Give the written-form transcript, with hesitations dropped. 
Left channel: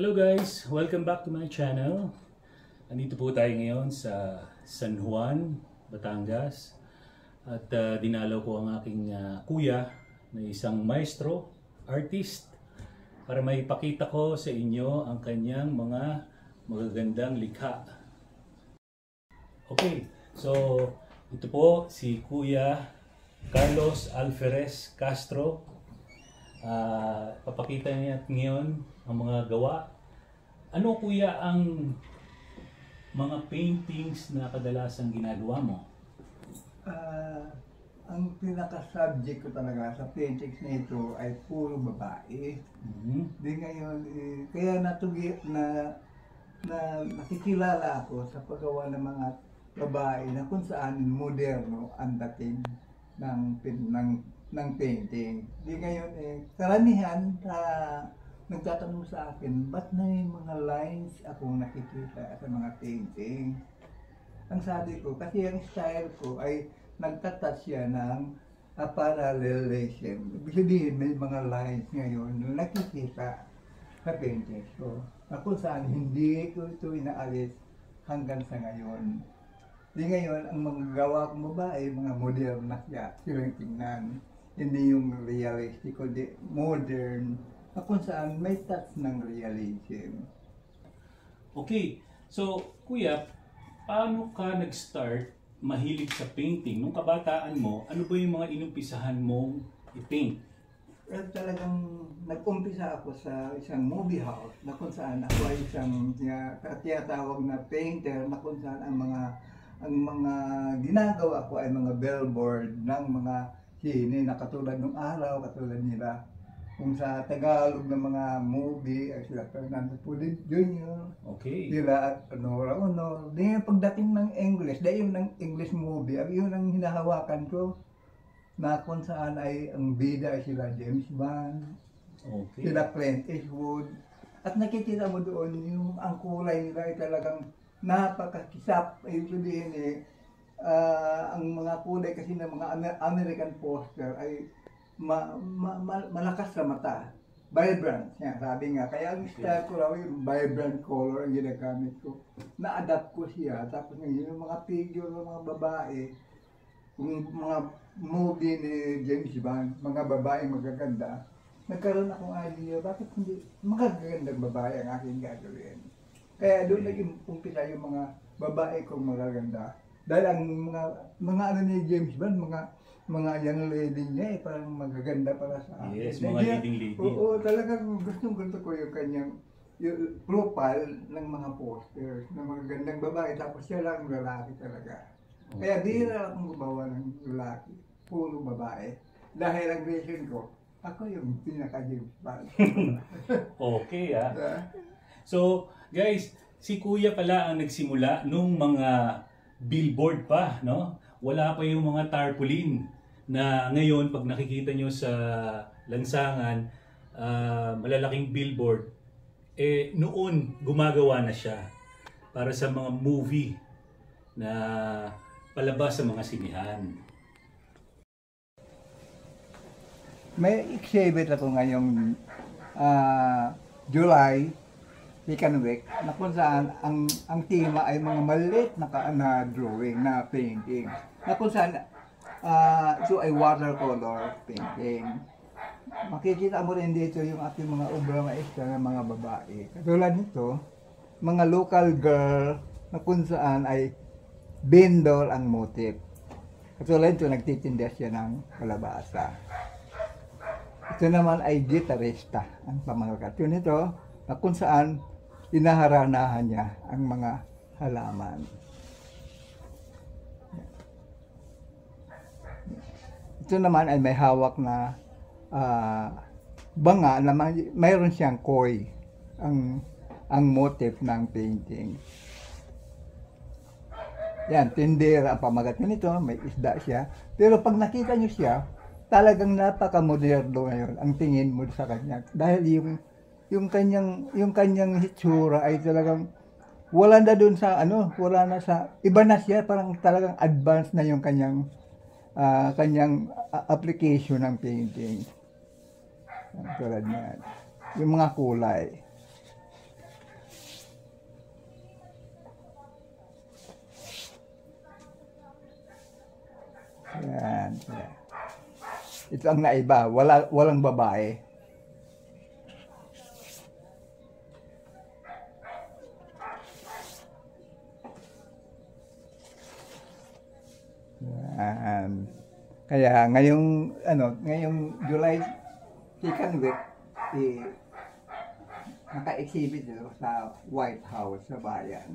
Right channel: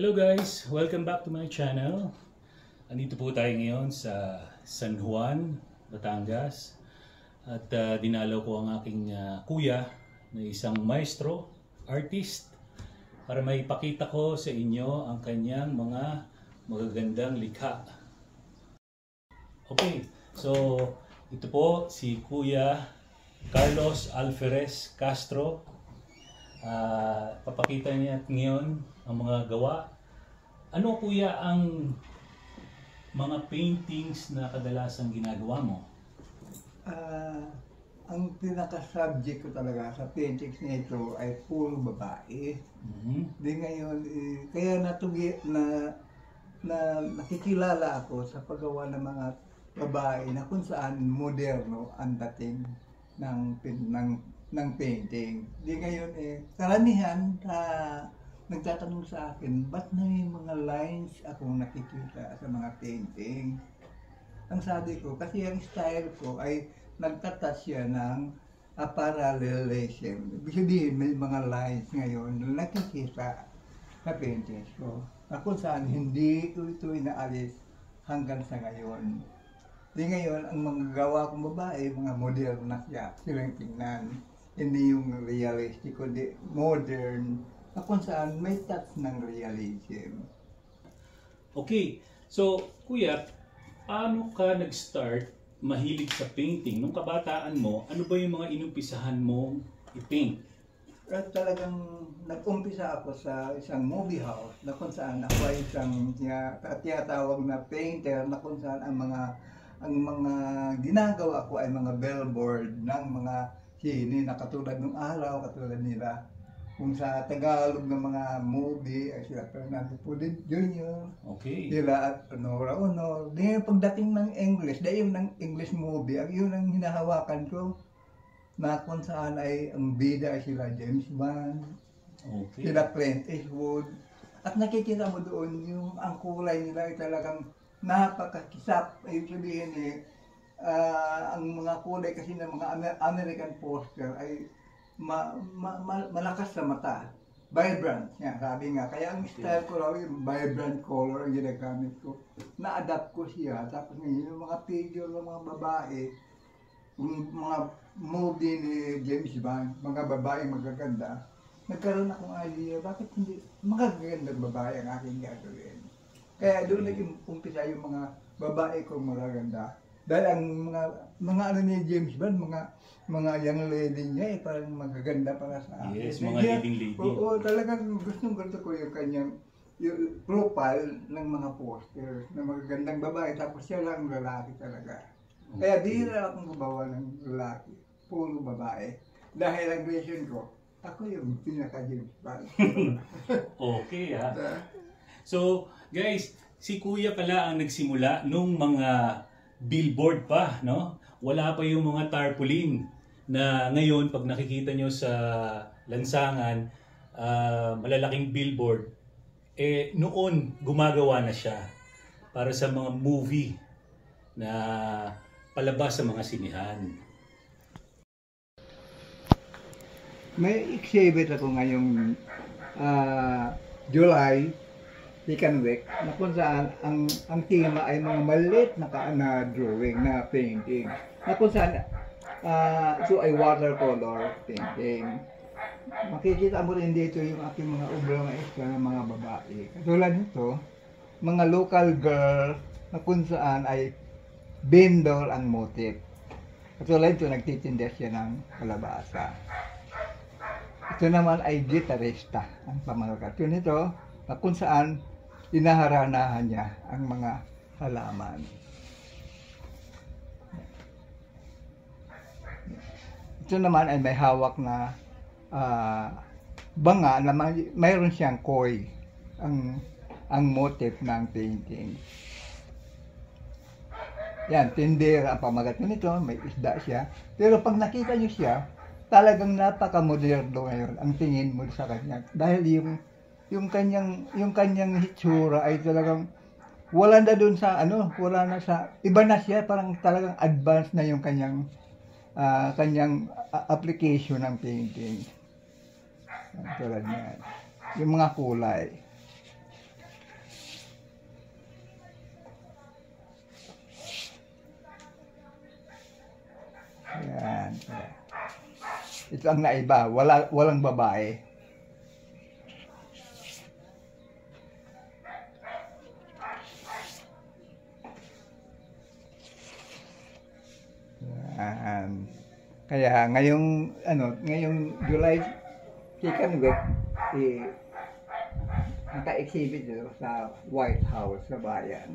Hello guys! Welcome back to my channel. Andito po tayo ngayon sa San Juan, Batangas. At dinalaw ko ang aking kuya na isang maestro, artist, para maipakita ko sa inyo ang kanyang mga magagandang likha. Okay, so ito po si Kuya Carlos Alferez Castro. Papakita niya ngayon ang mga gawa. Ano kuya ang mga paintings na kadalasang ginagawa mo? Ang pinaka-subject ko talaga sa paintings nito ay puro babae. Di ngayon, kaya nakikilala ako sa paggawa ng mga babae na kung saan moderno ang dating ng painting. Di ngayon karamihan nagtatanong sa akin, ba't may mga lines akong nakikita sa mga painting? Ang sabi ko, kasi ang style ko ay nagtatouch siya ng parallelism. Ibig sabihin, may mga lines ngayon na nakikita sa paintings ko. Kung saan hindi ko ito inaalis hanggang sa ngayon. Di ngayon, ang mga gawa kong babae, mga modern na siya, silang tingnan. Hindi yung realistic, kundi modern, kung saan may touch ng realism. Okay, so kuya, paano ka nag-start mahilig sa painting? Nung kabataan mo, ano ba yung mga inumpisahan mong i-paint? Talagang nag-umpisa ako sa isang movie house na kung saan ako ay isang tinatawag na painter na kung saan ang mga ginagawa ko ay mga billboard ng mga sine na katulad ng araw, katulad nila. Kung sa Tagalog ng mga movie ay sila Fernando Pulit Jr. Okay. Sila at Nora Honor. Di pagdating ng English, dahil ng English movie, yun ang hinahawakan ko. Na kung saan ay ang bida ay sila James Bond, okay, sila Clint Eastwood. At nakikita mo doon yung ang kulay nila ay talagang napakakisap. Ibig sabihin ang mga kulay kasi ng mga American poster ay malakas sa mata. Vibrant. Yan, sabi nga. Kaya ang style ko raw yung vibrant color ang ginagamit ko. Na-adapt ko siya. Tapos ngayon, yung mga figure ng mga babae, yung mga movie ni James Bond, mga babae magaganda, nagkaroon akong idea, bakit hindi magagandang babae ang aking gagawin? Kaya doon nag-umpisa yung mga babae kong magaganda. Dahil ang mga ano ni James Bond, mga young lady niya parang magaganda para sa akin. Yes, mga leading lady. Oo, talagang gusto ko yung kanyang yung profile ng mga posters ng magagandang babae, tapos siya lang lalaki talaga. Okay. Kaya di na akong gumawa ng lalaki, puro babae. Dahil ang vision ko, ako yung pinaka-James Bond. Okay So, guys, si Kuya pala ang nagsimula nung mga billboard pa, no? Wala pa yung mga tarpaulin na ngayon pag nakikita nyo sa lansangan, malalaking billboard, noon gumagawa na siya para sa mga movie na palabas sa mga sinihan. May exhibit ako ngayong July, second week, na kung saan ang tema ay mga maliit na drawing, na painting. Na kung saan ito ay watercolor painting. Makikita mo rin dito yung ating mga ubrang na extra ng mga babae. Katulad nito, mga local girl na kung saan ay vendor ang motif. Katulad ito, nagtitinda siya ng kalabasa. Ito naman ay gitarista ang pamangkat. Yun ito, na kung saan inaharanahan niya ang mga halaman. Ito naman ay may hawak na banga na mayroon siyang koi ang motif ng painting. Yan, tindera ang pamagat nito, may isda siya. Pero pag nakita niyo siya, talagang napaka-moderno ngayon ang tingin mo sa kanya. Dahil yung kanyang hitsura ay talagang wala na doon sa wala na sa iba na siya, parang talagang advanced na yung kanyang application ng painting. Tulad niyan. Yung mga kulay. Yan. Ito ang naiba. Walang babae. Yan. Kaya ngayong July Chicken Week, naka-exhibit dito sa White House sa bayan.